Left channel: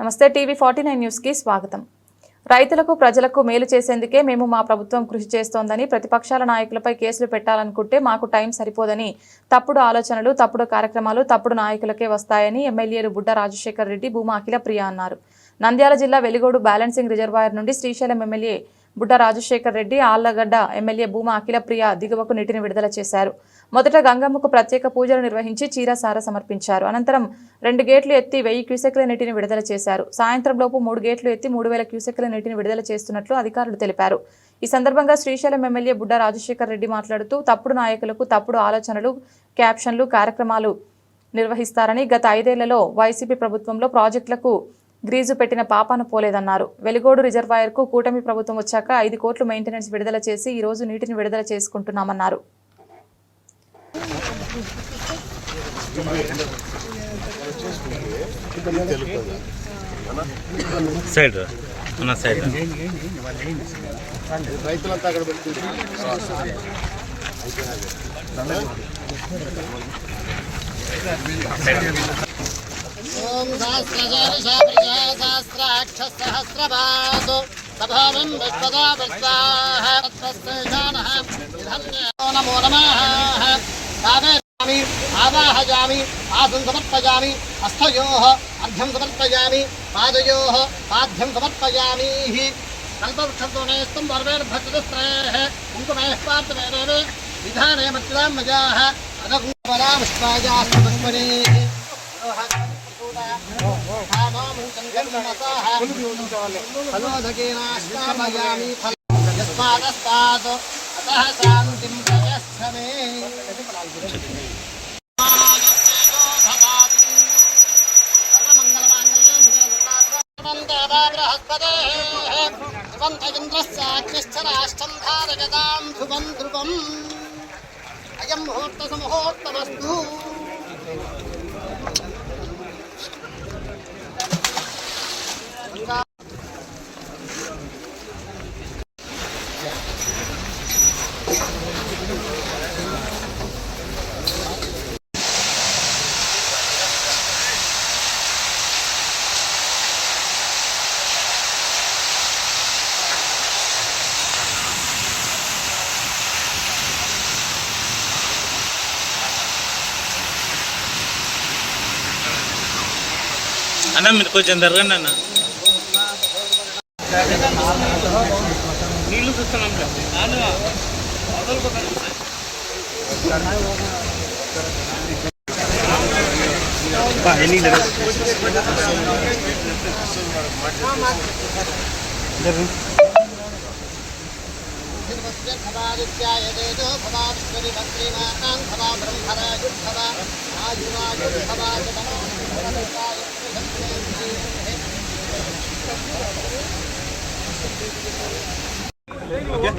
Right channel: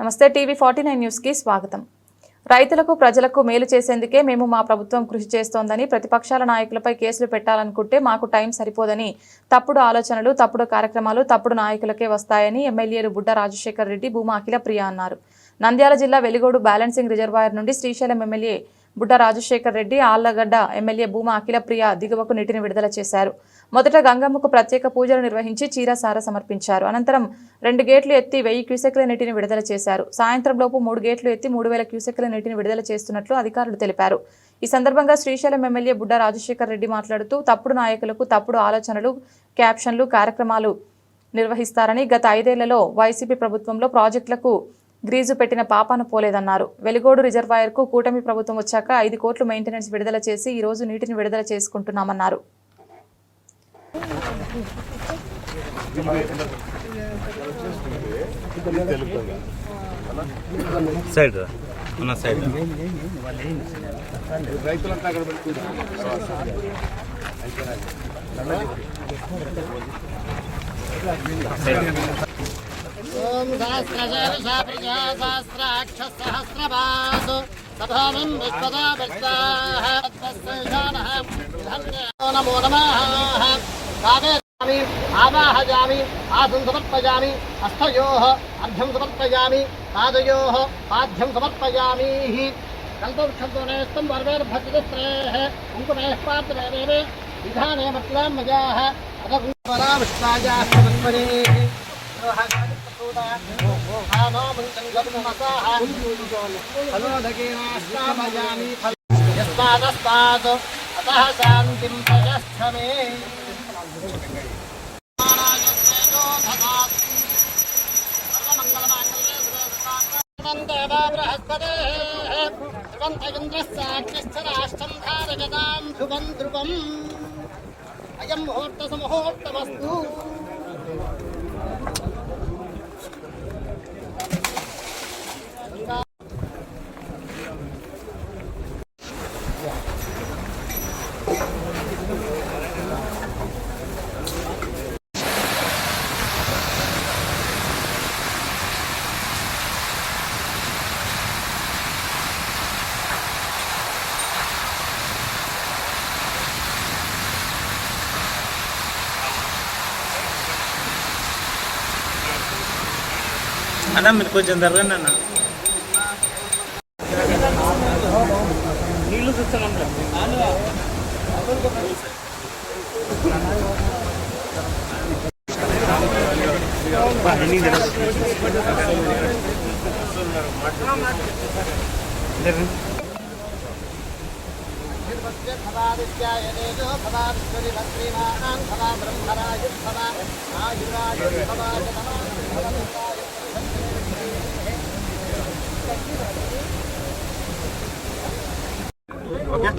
నమస్తే TV 49 news కి స్వాగతం. రైతులకు ప్రజలకు మేలు చేసేందుకే మేము మా ప్రభుత్వం కృషి చేస్తోందని ప్రతిపక్షాల నాయకులపై కేసులు పెట్టాలనుకుంటే మాకు టైం సరిపోదని తప్పుడు ఆలోచనలు తప్పుడు కార్యక్రమాలు తప్పుడు నాయకులకే వస్తాయని ఎమ్మెల్యేలు బుడ్డ రాజశేఖర్ రెడ్డి భూమా అఖిలప్రియ అన్నారు. నంద్యాల జిల్లా వెలిగోడు బ్యాలెన్సింగ్ రిజర్వాయర్ నుండి శ్రీశైలం ఎమ్మెల్యే బుడ్డ రాజశేఖర్ రెడ్డి ఆళ్లగడ్డ ఎమ్మెల్యే భూమా అఖిలప్రియ దిగువకు నీటిని విడుదల చేశారు. మొదట గంగమ్మకు ప్రత్యేక పూజలు నిర్వహించి చీరసార సమర్పించారు. అనంతరం 2 గేట్లు ఎత్తి 1000 క్యూసెక్ల నీటిని విడుదల చేశారు. సాయంత్రంలోపు 3 గేట్లు ఎత్తి 3000 క్యూసెక్ల నీటిని విడుదల చేస్తున్నట్లు అధికారులు తెలిపారు. ఈ సందర్భంగా శ్రీశైలం ఎమ్మెల్యే బుడ్డ రాజశేఖర్ రెడ్డి మాట్లాడుతూ తప్పుడు నాయకులకు తప్పుడు ఆలోచనలు క్యాప్షన్లు కార్యక్రమాలు నిర్వహిస్తారని గత 5 ఏళ్లలో వైసీపీ ప్రభుత్వంలో ప్రాజెక్టులకు గ్రీజు పెట్టిన పాపాన పోలేదన్నారు. వెలిగోడు రిజర్వాయర్కు కూటమి ప్రభుత్వం వచ్చాక 5 కోట్లు మెయింటెనెన్స్ విడుదల చేసి ఈ రోజు నీటిని విడుదల చేసుకుంటున్నామన్నారు. ओम सहस्रशीर्षा प्रजा सहस्राक्षसहस्रपादो तपोमं विश्वदा वर्षाः तत्संशानः नमो नमः कावेरामि आवाहयामि आसन समर्पयामि हस्तयोः अर्घ्यं समर्पयामि पादयोः पाद्यं समर्पयामि कल्पवृक्षस्तुनेस्तं वर्वेर्भद्रस्त्रैः कुङ्कुमैः पात्रैरेवे विधाने मत्यां मजाः अदकुङ्कुमरा विश्वायास्तमन्मने फलोदकेनाश्रामयामि यस्मादस्तात् अतः शान्तिं प्रयच्छमे अयं मुहूर्तसमुहूर्तमस्तु అన్న మీరు కొంచెం జరగండి అన్న. నీళ్ళు చూస్తున్నాం भवादित्यायदेजो भवाविश्वरि भद्रीमान् भवा ब्रह्मराजुर्भवा आयुराजुर्भवा ఓకే